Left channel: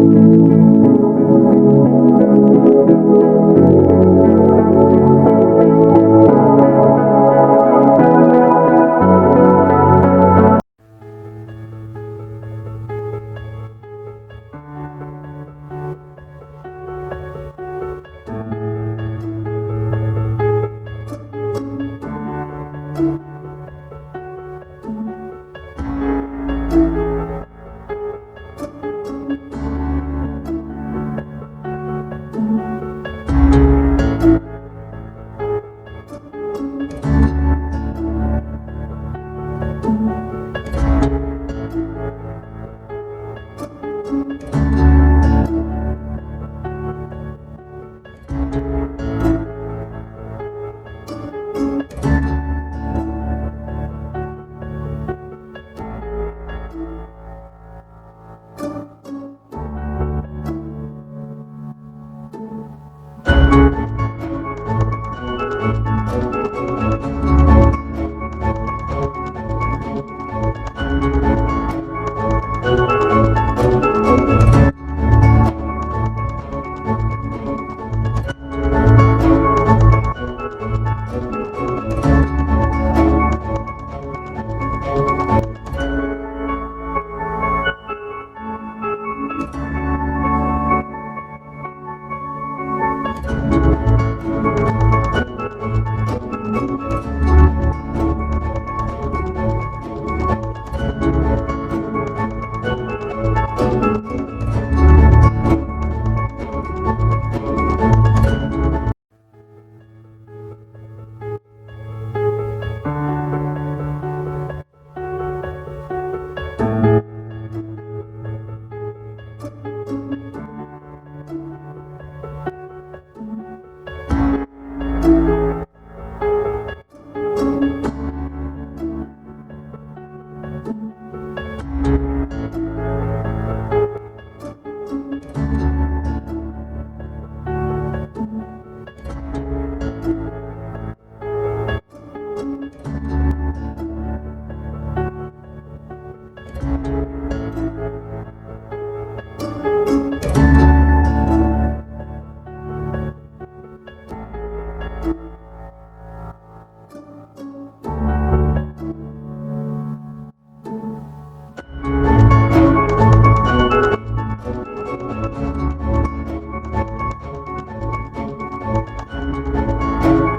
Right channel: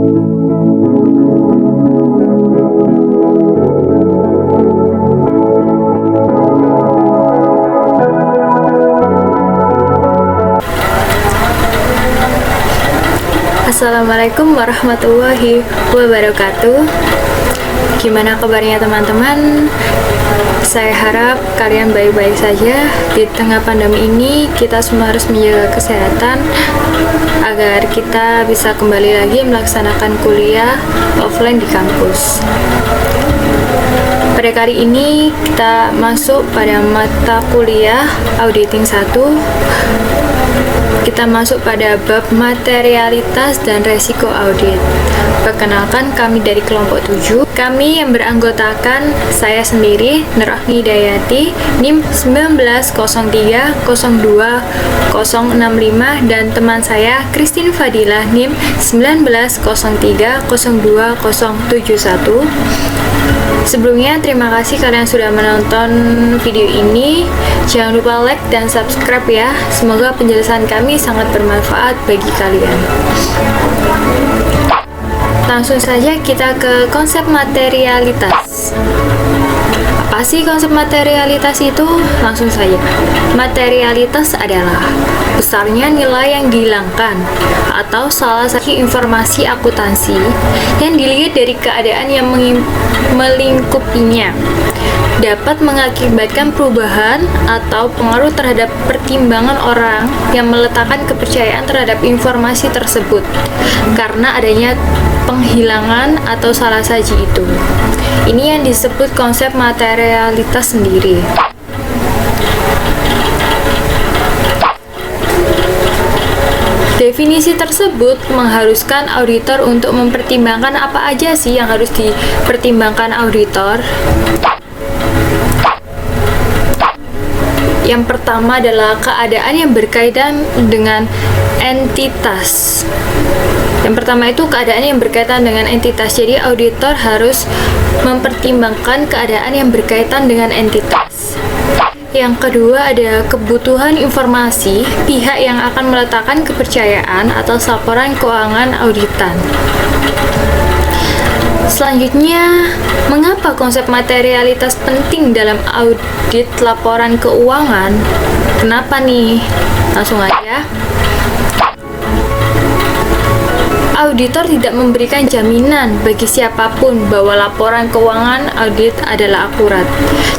Assalamualaikum warahmatullahi wabarakatuh. Gimana kabarnya teman-teman? Saya harap kalian baik-baik saja. Di tengah pandemi ini kita semua harus menjaga kesehatan agar kita bisa kembali lagi melaksanakan kuliah offline di kampus. Pada kali ini kita masuk pada mata kuliah Auditing 1. Kita masuk pada bab materialitas dan resiko audit. Perkenalkan, kami dari kelompok 7. Kami yang beranggotakan saya sendiri, Nurahmi Dayati, NIM 190302065, dan teman saya Christine Fadilah, NIM 190302071. Sebelumnya, terima kasih kalian sudah menonton video ini. Jangan lupa like dan subscribe ya. Semoga penjelasan kami sangat bermanfaat bagi kalian. Langsung saja kita ke konsep materialitas. Apa sih konsep materialitas itu? Langsung saja. Materialitas adalah besarnya nilai yang dihilangkan atau salah satu informasi akuntansi yang dilihat dari keadaan yang melingkupinya, dapat mengakibatkan perubahan atau pengaruh terhadap pertimbangan orang yang meletakkan kepercayaan terhadap informasi tersebut karena adanya penghilangan atau salah saji itu. Ini yang disebut konsep materialitas sendiri. Definisi tersebut mengharuskan auditor untuk mempertimbangkan apa aja sih yang harus dipertimbangkan auditor. Yang pertama adalah keadaan yang berkaitan dengan entitas. Yang pertama itu keadaan yang berkaitan dengan entitas. Jadi auditor harus mempertimbangkan keadaan yang berkaitan dengan entitas. Yang kedua ada kebutuhan informasi pihak yang akan meletakkan kepercayaan atas laporan keuangan auditan. Selanjutnya, mengapa konsep materialitas penting dalam audit laporan keuangan? Kenapa nih? Langsung aja. Auditor tidak memberikan jaminan bagi siapapun bahwa laporan keuangan audit adalah akurat.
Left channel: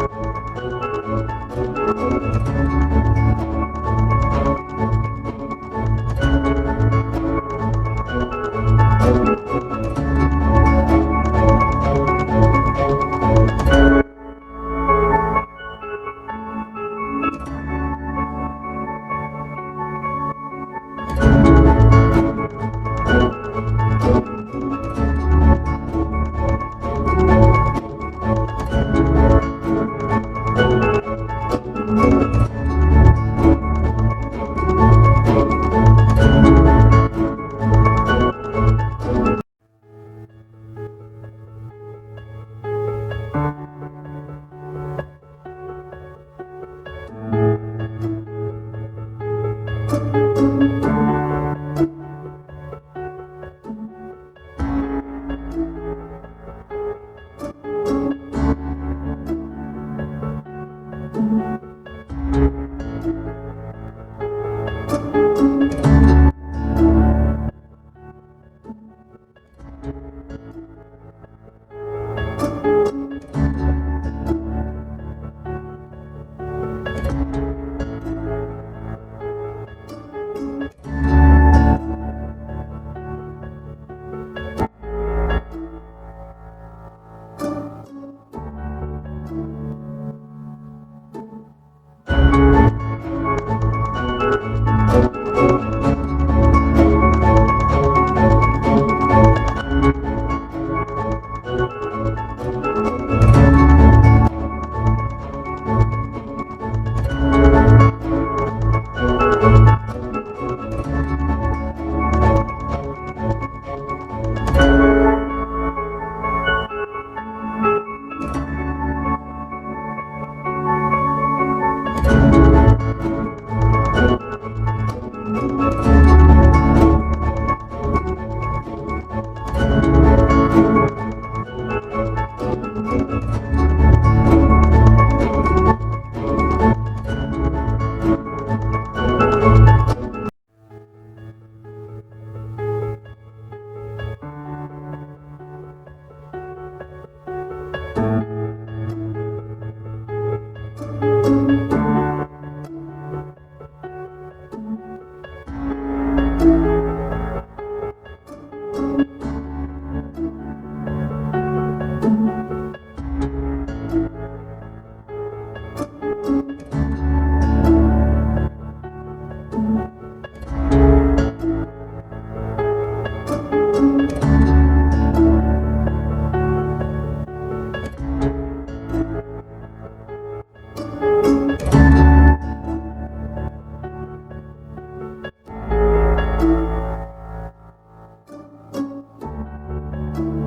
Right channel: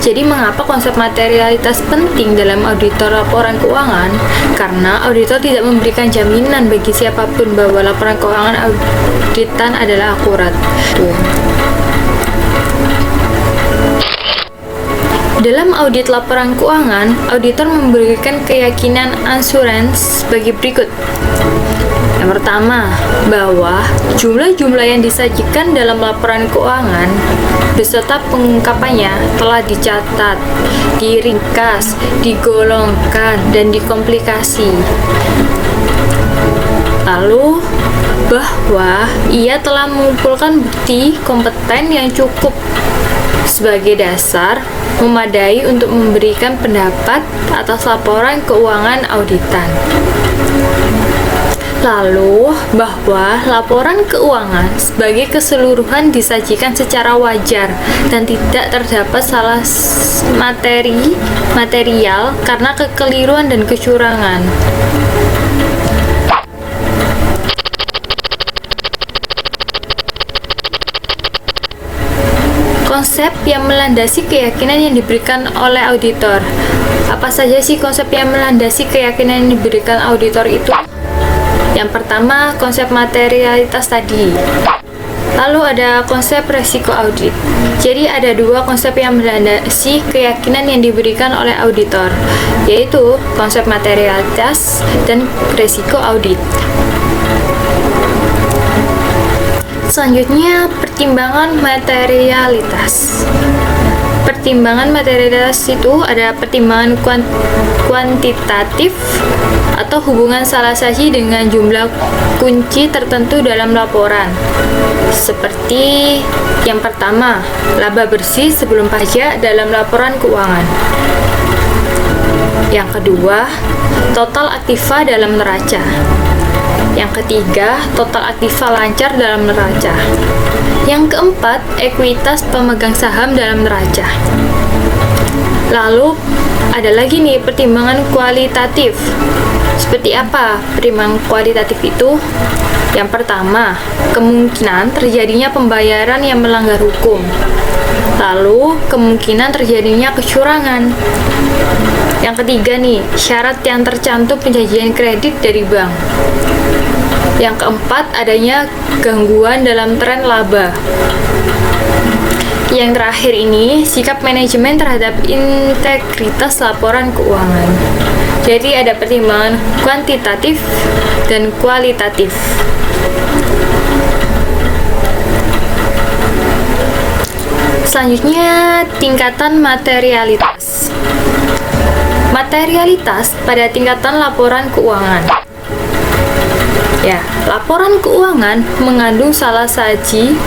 Jadi mengapa konsep materialitas penting dalam auditor laporan keuangan? Karena auditor tidak memberikan jaminan bagi siapapun bahwa laporan keuangan auditan adalah akurat. Dalam audit laporan keuangan, auditor memberikan keyakinan assurance bagi berikut. Yang pertama, bahwa jumlah-jumlah yang disajikan dalam laporan keuangan beserta pengungkapannya telah dicatat, diringkas, digolongkan, dan dikomplikasi. Lalu, bahwa ia telah mengumpulkan bukti kompeten yang cukup sebagai dasar memadai untuk memberikan pendapat atas laporan keuangan auditan. Lalu, bahwa laporan keuangan sebagai keseluruhan disajikan secara wajar dan tidak terdapat salah material karena kekeliruan dan kecurangan. Konsep yang melandasi keyakinan yang diberikan oleh auditor. Apa saja sih konsep yang melandasi keyakinan yang diberikan auditor itu? Yang pertama, konsep materialitas tadi. Lalu ada konsep resiko audit. Jadi ada dua konsep yang melandasi keyakinan yang diberikan oleh auditor, yaitu konsep materialitas dan resiko audit. Selanjutnya, pertimbangan materialitas. Pertimbangan materialitas itu ada pertimbangan kuantitatif atau hubungan salah saji dengan jumlah kunci tertentu dalam laporan. Seperti yang pertama, laba bersih sebelum pajak dalam laporan keuangan. Yang kedua, total aktiva dalam neraca. Yang Yang ketiga, total aktiva lancar dalam neraca. Yang keempat, ekuitas pemegang saham dalam neraca. Lalu ada lagi nih pertimbangan kualitatif. Seperti apa pertimbangan kualitatif itu? Yang pertama, kemungkinan terjadinya pembayaran yang melanggar hukum. Lalu, kemungkinan terjadinya kecurangan. Yang ketiga nih, syarat yang tercantum penjanjian kredit dari bank. Yang keempat, adanya gangguan dalam tren laba. Yang terakhir ini, sikap manajemen terhadap integritas laporan keuangan. Jadi ada pertimbangan kuantitatif dan kualitatif. Selanjutnya, tingkatan materialitas. Materialitas pada tingkatan laporan keuangan. Ya, laporan keuangan mengandung salah saji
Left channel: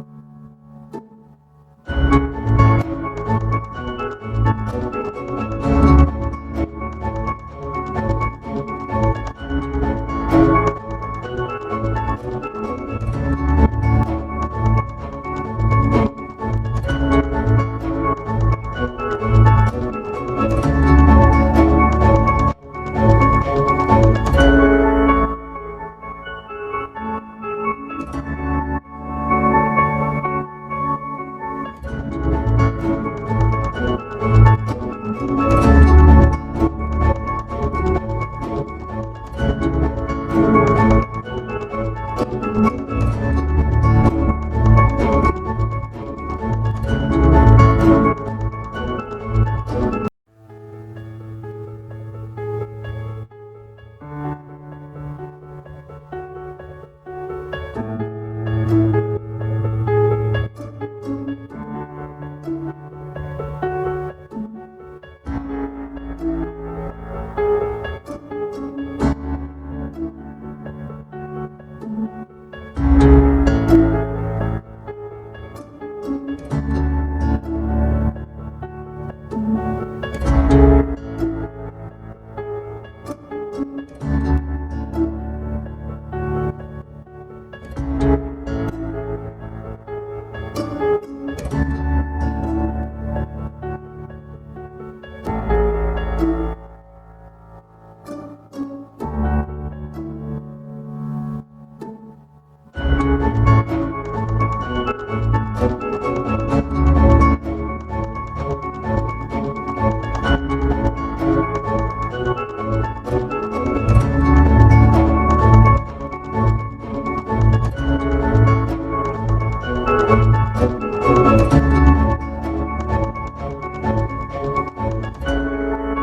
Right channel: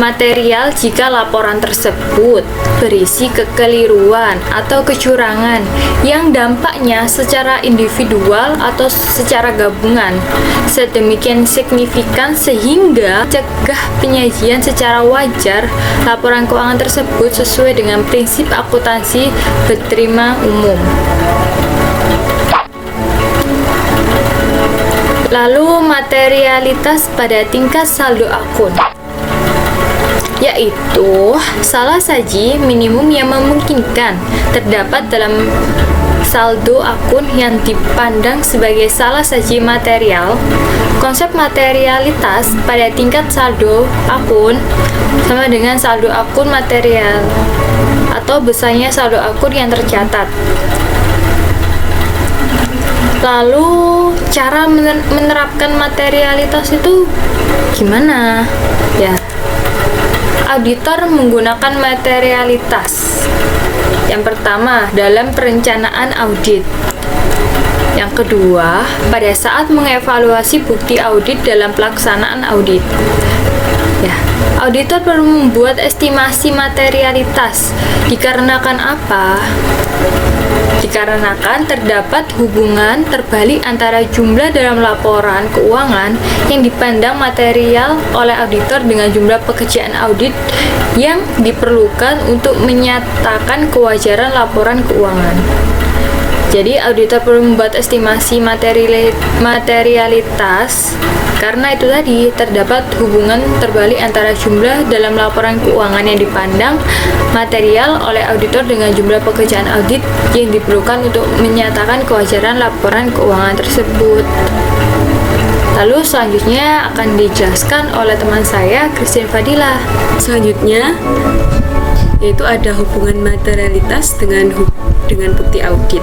material jika laporan tersebut berisi kekeliruan atau kecurangan yang dampaknya secara individual atau secara gabungan sedemikian signifikan sehingga cegah penyajian secara wajar laporan keuangan tersebut sesuai dengan prinsip akuntansi berterima umum. Lalu materialitas pada tingkat saldo akun, yaitu salah saji minimum yang memungkinkan terdapat dalam saldo akun yang dipandang sebagai salah saji material. Konsep materialitas pada tingkat saldo akun sama dengan saldo akun material atau besarnya saldo akun yang tercatat. Lalu cara menerapkan materialitas itu gimana? Ya, auditor menggunakan materialitas. Yang pertama, dalam perencanaan audit. Yang kedua, pada saat mengevaluasi bukti audit dalam pelaksanaan audit. Ya, auditor perlu membuat estimasi materialitas. Dikarenakan apa? Dikarenakan terdapat hubungan terbalik antara jumlah dalam laporan keuangan yang dipandang material oleh auditor dengan jumlah pekerjaan audit yang diperlukan untuk menyatakan kewajaran laporan keuangan. Jadi auditor perlu membuat estimasi materialitas karena itu tadi terdapat hubungan terbalik antara jumlah dalam laporan keuangan yang dipandang material oleh auditor dengan jumlah pekerjaan audit yang diperlukan untuk menyatakan kewajaran laporan keuangan tersebut. Lalu selanjutnya akan dijelaskan oleh teman saya, Christine Fadilah. Selanjutnya yaitu ada hubungan materialitas dengan bukti audit.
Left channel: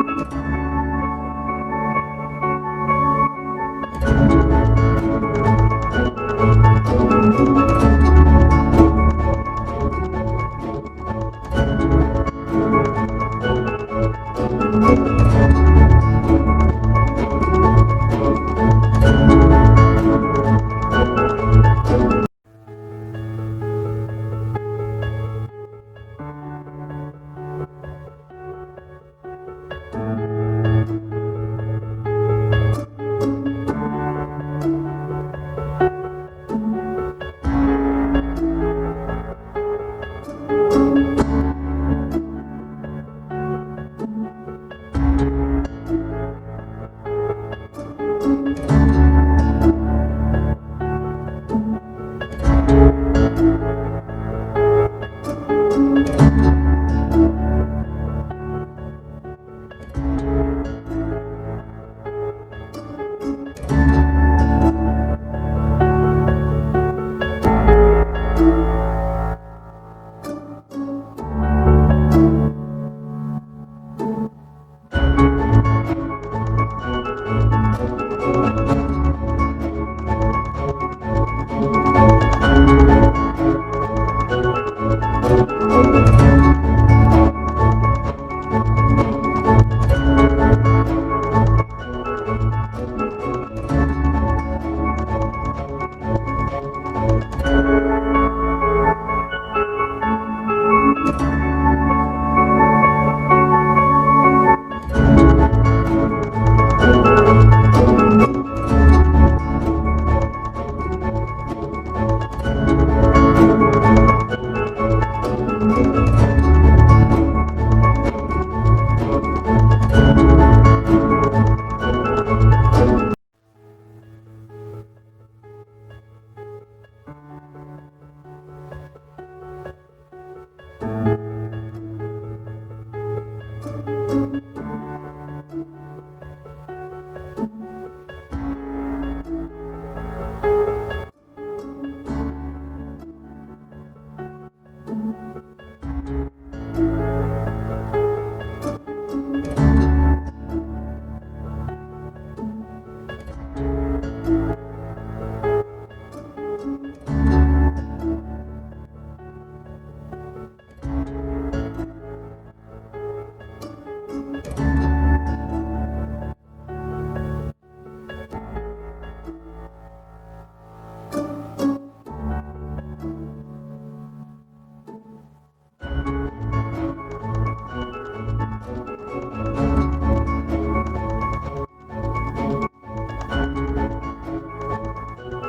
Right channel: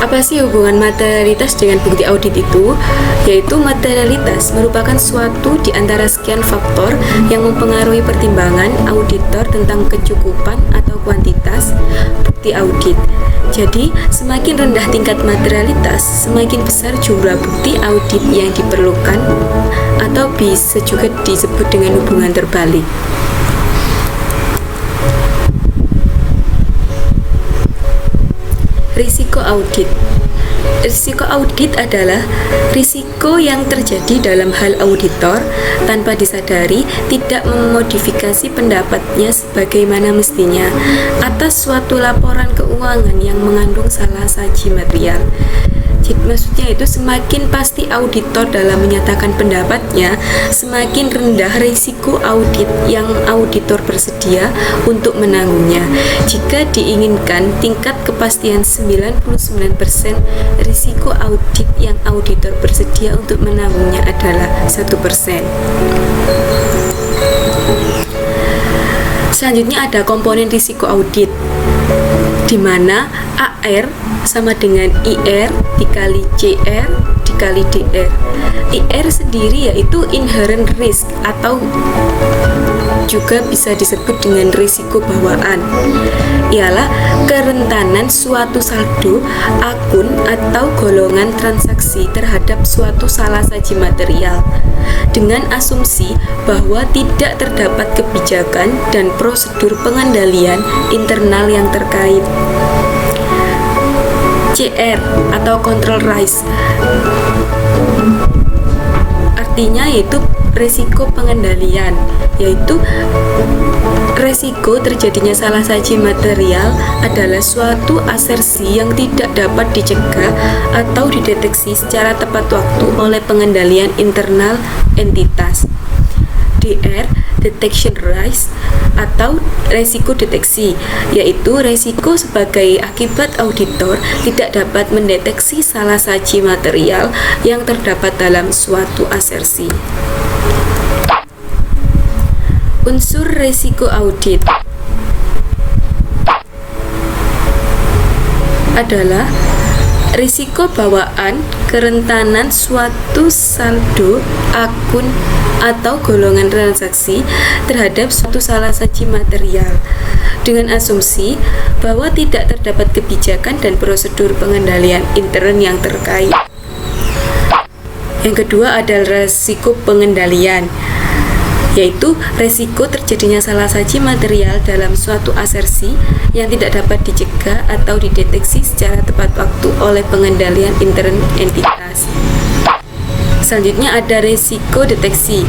Apa sih hubungan materialitas dengan bukti audit itu? Yaitu materialitas merupakan suatu di antara sekian faktor yang mempengaruhi pertimbangan auditor tentang kecukupan atau kuantitas bukti audit. Jadi, semakin rendah tingkat materialitas, semakin besar jumlah bukti audit yang diperlukan atau bisa juga disebut dengan hubungan terbalik. Risiko audit. Risiko audit adalah risiko yang terjadi dalam hal auditor tanpa disadari tidak memodifikasi pendapatnya sebagaimana mestinya atas suatu laporan keuangan yang mengandung salah saji material. Jadi maksudnya itu semakin pasti auditor dalam menyatakan pendapatnya, semakin rendah risiko audit yang auditor bersedia untuk menanggungnya. Jika diinginkan tingkat kepastian 99%, risiko audit yang auditor bersedia untuk menanggungnya adalah 1%. Selanjutnya ada komponen risiko audit, di mana AR sama dengan IR dikali CR dikali DR. IR sendiri yaitu inherent risk atau juga bisa disebut dengan risiko bawaan, ialah kerentanan suatu saldo, akun atau golongan transaksi terhadap suatu salah saji material dengan asumsi bahwa tidak terdapat kebijakan dan prosedur pengendalian internal yang terkait. CR atau control risk. Artinya yaitu resiko pengendalian, yaitu resiko terjadinya salah saji material adalah suatu asersi yang tidak dapat dicegah atau dideteksi secara tepat waktu oleh pengendalian internal entitas. DR, detection risk atau resiko deteksi, yaitu resiko sebagai akibat auditor tidak dapat mendeteksi salah saji material yang terdapat dalam suatu asersi. Unsur resiko audit adalah risiko bawaan kerentanan suatu saldo, akun, atau golongan transaksi terhadap suatu salah saji material dengan asumsi bahwa tidak terdapat kebijakan dan prosedur pengendalian intern yang terkait. Yang kedua adalah risiko pengendalian, yaitu resiko terjadinya salah saji material dalam suatu asersi yang tidak dapat dicegah atau dideteksi secara tepat waktu oleh pengendalian intern entitas. Selanjutnya ada resiko deteksi.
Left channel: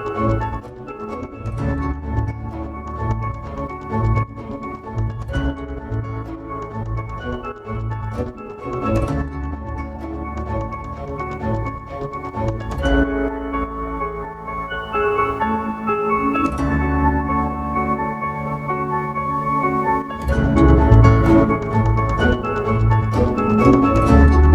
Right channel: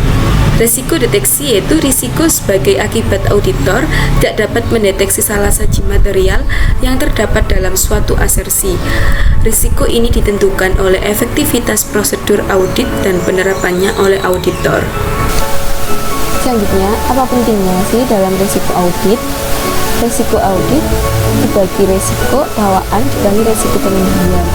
Resiko deteksi yaitu risiko sebagai akibat auditor tidak dapat mendeteksi salah saji material yang terdapat dalam suatu asersi. Risiko ini ditentukan oleh efektivitas prosedur audit dan penerapannya oleh auditor. Selanjutnya, apa pentingnya sih dalam risiko audit? Risiko audit dibagi risiko bawaan dan risiko pengendalian.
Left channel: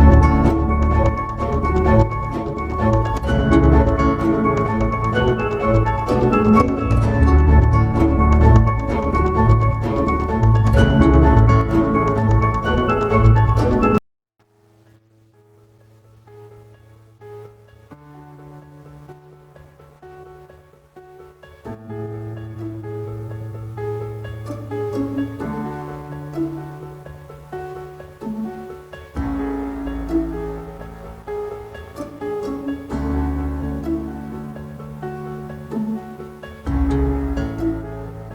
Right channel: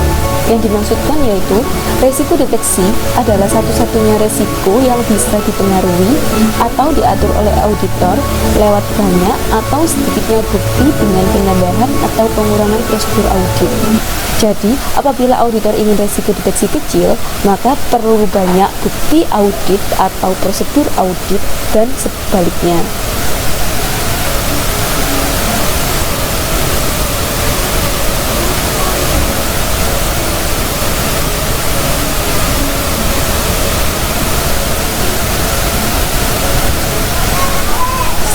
Yang dimaksudkan yaitu risiko deteksi adalah satu-satunya risiko yang bisa dipengaruhi atau diatur oleh auditor lewat banyak atau sedikitnya bukti dengan penambahan atau pengurangan prosedur audit. Jadi, apabila auditor ingin risiko deteksi kecil, maka perlu banyak bukti audit atau prosedur audit dan sebaliknya.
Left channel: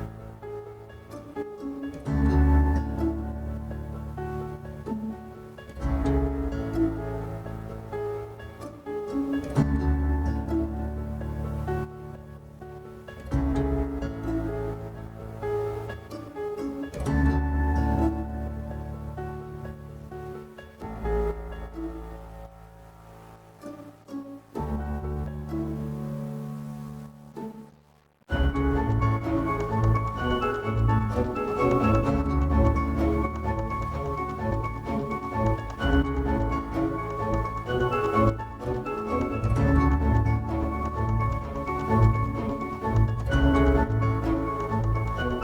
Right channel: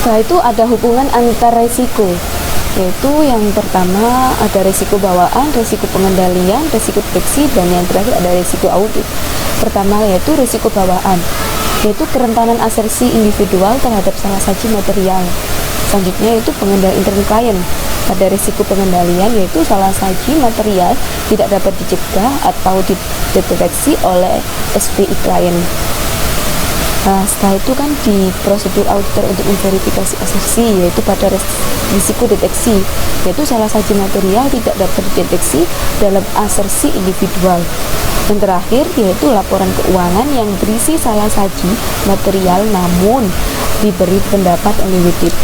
Setelah itu ada hubungan antar risiko, yaitu yang pertama ada risiko bawaan, risiko pengendalian, risiko deteksi, dan yang terakhir ada risiko audit. Pertama yaitu risiko bawaan, yaitu kerentanan asersi individual terhadap salah saji material. Selanjutnya yaitu pengendalian intern klien. Pada risiko pengendalian yaitu salah saji material tidak dapat dicegah atau dideteksi oleh SPI klien. Nah, setelah itu kan di prosedur auditor untuk memverifikasi asersi, yaitu pada risiko deteksi, yaitu salah saji material tidak dapat dideteksi dalam asersi individual. Yang terakhir yaitu laporan keuangan yang berisi salah saji material namun diberi pendapat oleh WTP.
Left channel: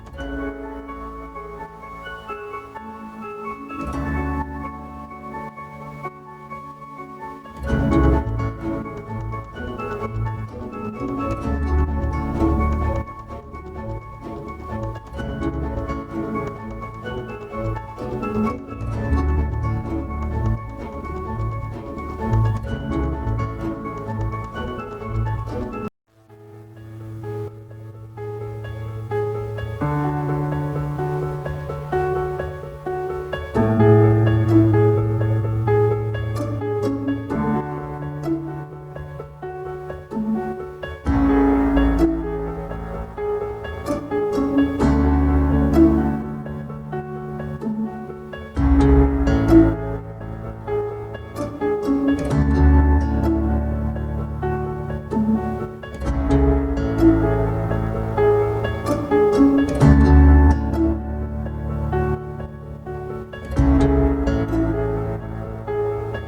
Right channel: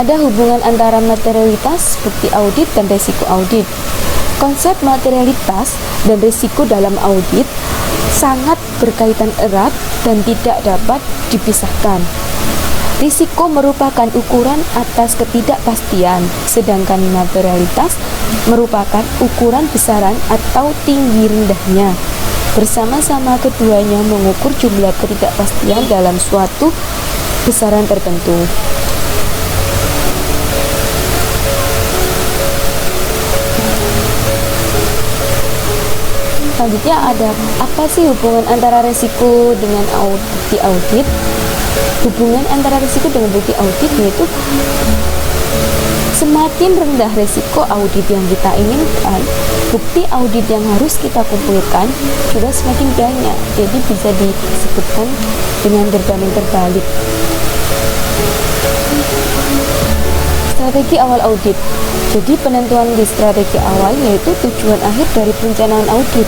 Ada hubungan antara materialitas, bukti audit, dan risiko audit. Konsep materialitas dan risiko dalam audit sangat berkaitan erat dan tidak dapat dipisahkan. Risiko merupakan ukuran atas ketidakpastian, sedangkan materialitas merupakan ukuran besaran atau tinggi rendahnya. Bersama-sama keduanya mengukur jumlah ketidakpastian dalam suatu besaran tertentu. Selanjutnya ada apa sih hubungan antara risiko dengan bukti audit? Hubungan antara risiko dengan bukti audit yaitu semakin rendah risiko audit yang kita inginkan, bukti audit yang harus kita kumpulkan juga semakin banyak. Jadi bisa disebutkan dengan berbanding terbalik. Strategi awal audit. Jadi penentuan di strategi awal yaitu tujuan akhir dari perencanaan audit.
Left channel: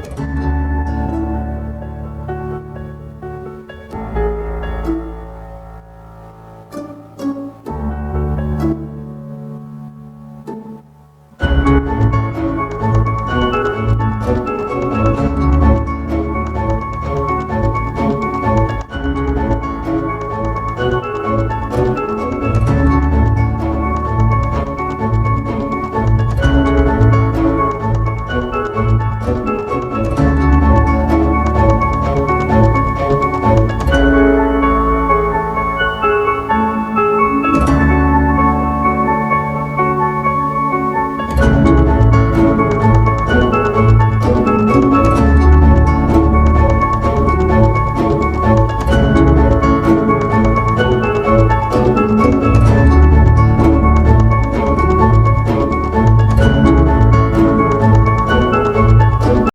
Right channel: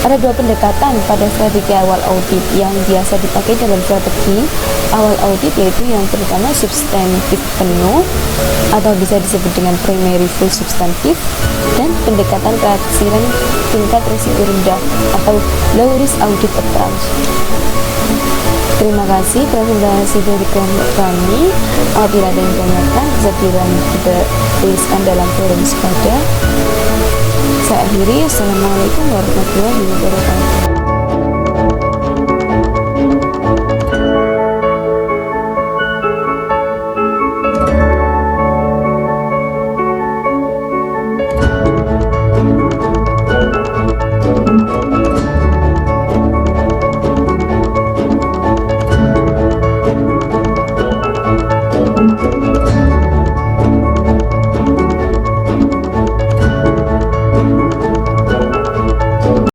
Ada dua pendekatan pada strategi awal audit yang biasa dipakai dalam strategi awal audit, yaitu yang pertama substantif penuh atau bisa disebut dengan primary full substantif, dan pendekatan keaksiran tingkat risiko rendah atau low risk audit approach. Terima kasih presentasi dari kami. Apabila ada yang tanyakan bisa dituliskan dalam forum sepada. Saya akhiri.